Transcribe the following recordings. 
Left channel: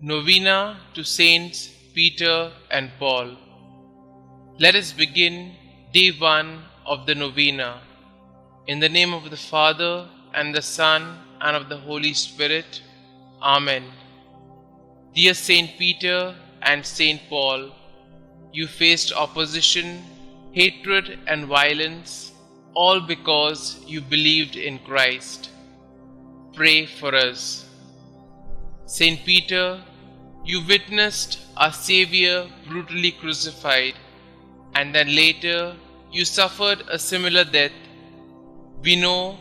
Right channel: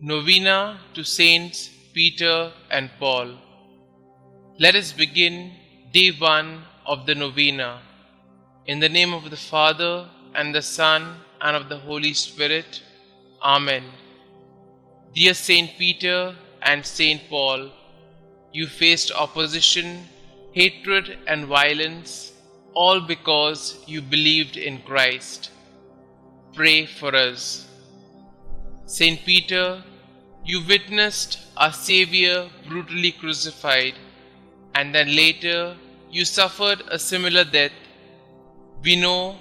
Novena to Saints Peter and Paul. Let us begin day 1 of the Novena. In the name of the Father, and the Son, and of the Holy Spirit. Amen. Dear Saint Peter and Saint Paul, you faced opposition, hatred, and violence, all because you believed in Christ. Pray for us. Saint Peter, you witnessed our Xavier brutally crucified, and then later you suffered a similar death. We know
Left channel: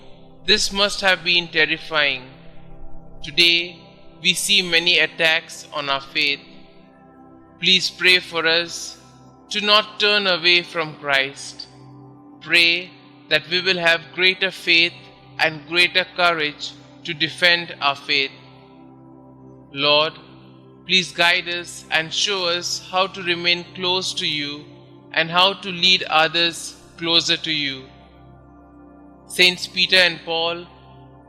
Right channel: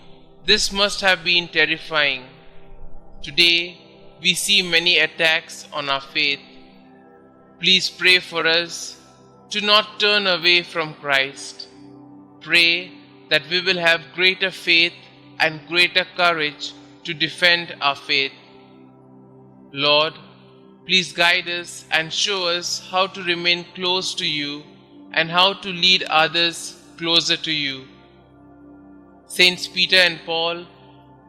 this must have been terrifying. Today we see many attacks on our faith. Please pray for us to not turn away from Christ. Pray that we will have greater faith and greater courage to defend our faith. Lord, please guide us and show us how to remain close to you and how to lead others closer to you. Saints Peter and Paul,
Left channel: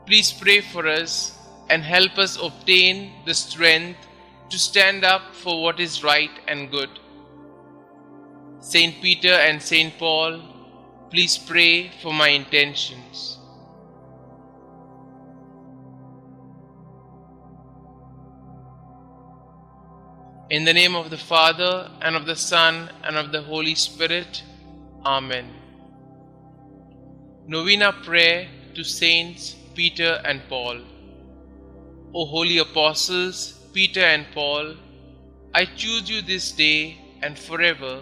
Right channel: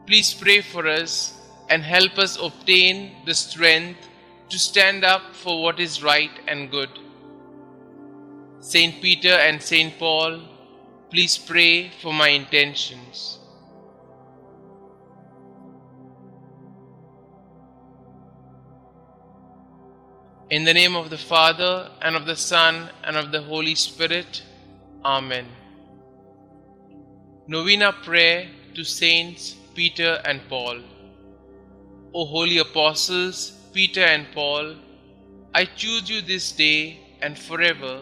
please pray for us and help us obtain the strength to stand up for what is right and good. Saint Peter and Saint Paul, please pray for my intentions. In the name of the Father, and of the Son, and of the Holy Spirit. Amen. Novena Prayer to Saints Peter and Paul. O holy apostles, Peter and Paul, I choose you this day and forever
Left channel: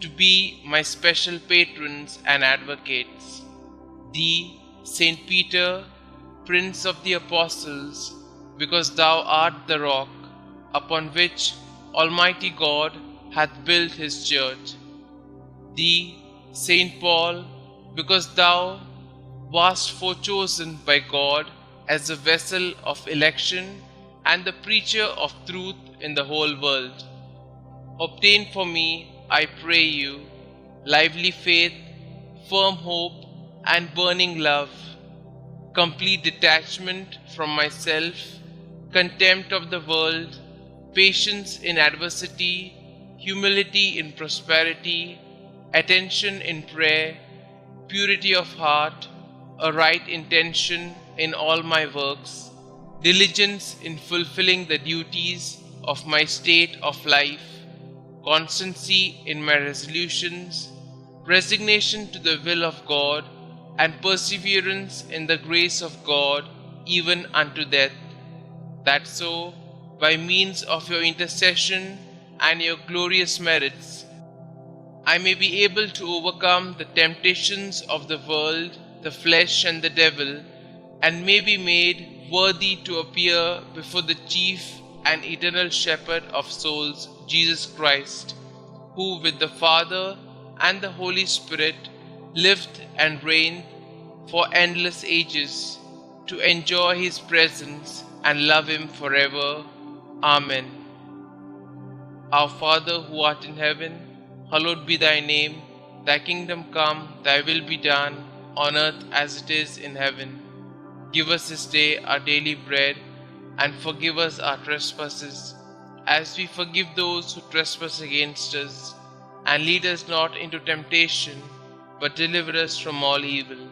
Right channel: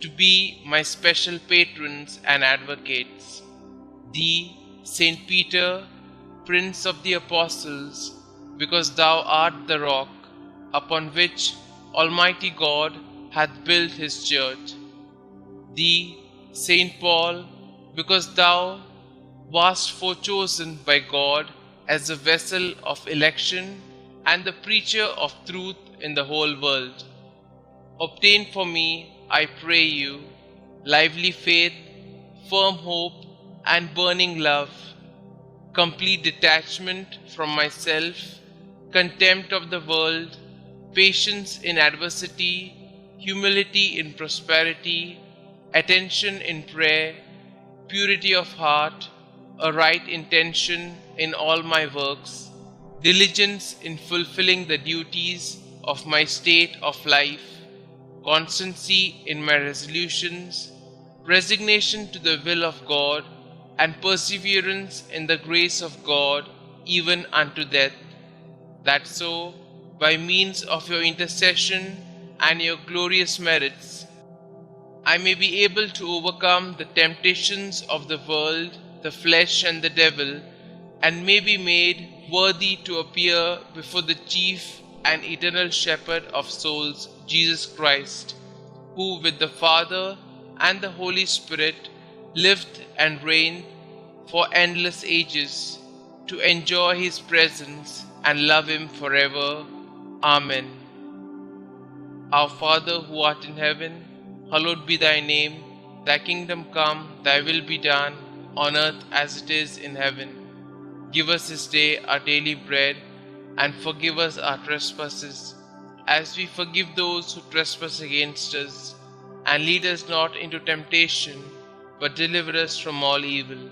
to be my special patrons and advocates. Thee, Saint Peter, Prince of the Apostles, because thou art the rock upon which Almighty God hath built his church. Thee, Saint Paul, because thou wast forechosen by God as a vessel of election and the preacher of truth in the whole world. Obtain for me, I pray you, lively faith, firm hope, and burning love, complete detachment from myself, contempt of the world, patience in adversity, humility in prosperity, attention in prayer, purity of heart, a right intention in all my works, diligence in fulfilling the duties of my state of life, constancy in my resolutions, resignation to the will of God, and perseverance in the grace of God even unto death, that so, by means of your intercession and your glorious merits, I may be able to overcome the temptations of the world, the flesh, and the devil, and may be made worthy to appear before the chief and eternal shepherd of souls, Jesus Christ, who with the Father and the Holy Spirit lived and reigned for endless ages, to enjoy his presence and love him forever. Amen. Our Father who art in heaven, hallowed be thy name. Thy kingdom come, thy will be done, on earth as it is in heaven. Give us this day our daily bread, and forgive us our trespasses, as we forgive those who trespass against us. And lead us not into temptation, but deliver us from all evil.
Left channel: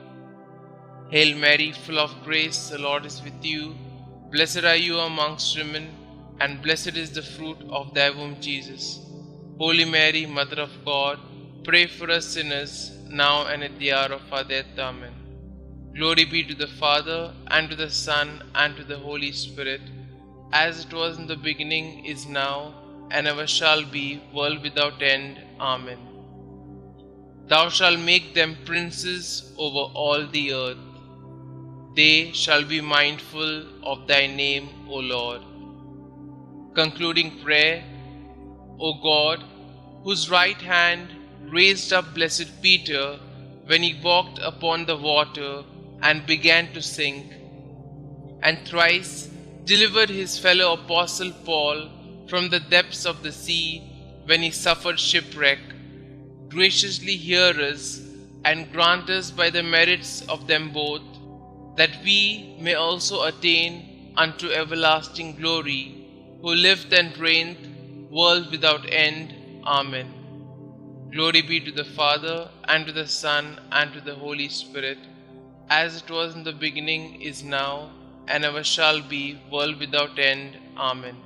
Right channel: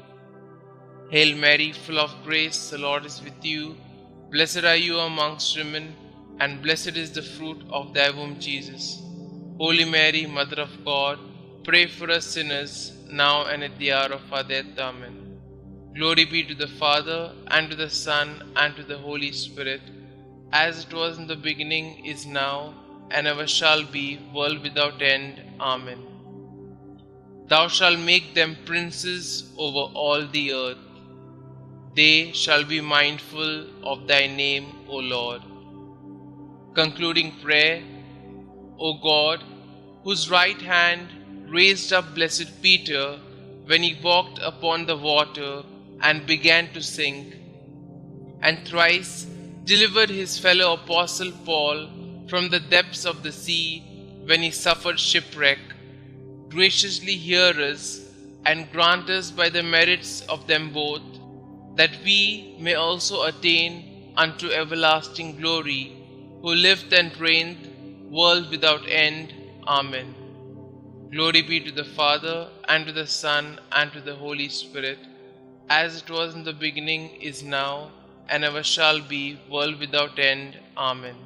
Hail Mary, full of grace, the Lord is with you. Blessed are you amongst women, and blessed is the fruit of thy womb, Jesus. Holy Mary, Mother of God, pray for us sinners, now and at the hour of our death. Amen. Glory be to the Father, and to the Son, and to the Holy Spirit, as it was in the beginning, is now, and ever shall be, world without end. Amen. Thou shalt make them princes over all the earth. They shall be mindful of thy name, O Lord. Concluding prayer. O God, whose right hand raised up blessed Peter when he walked upon the water and began to sink, and thrice delivered his fellow apostle Paul from the depths of the sea when he suffered shipwreck, graciously hear us and grant us by the merits of them both, that we may also attain unto everlasting glory who lived and reigned, world without end. Amen. Glory be to the Father, and to the Son, and to the Holy Spirit, as it was in the beginning, is now, and ever shall be, world without end. Amen.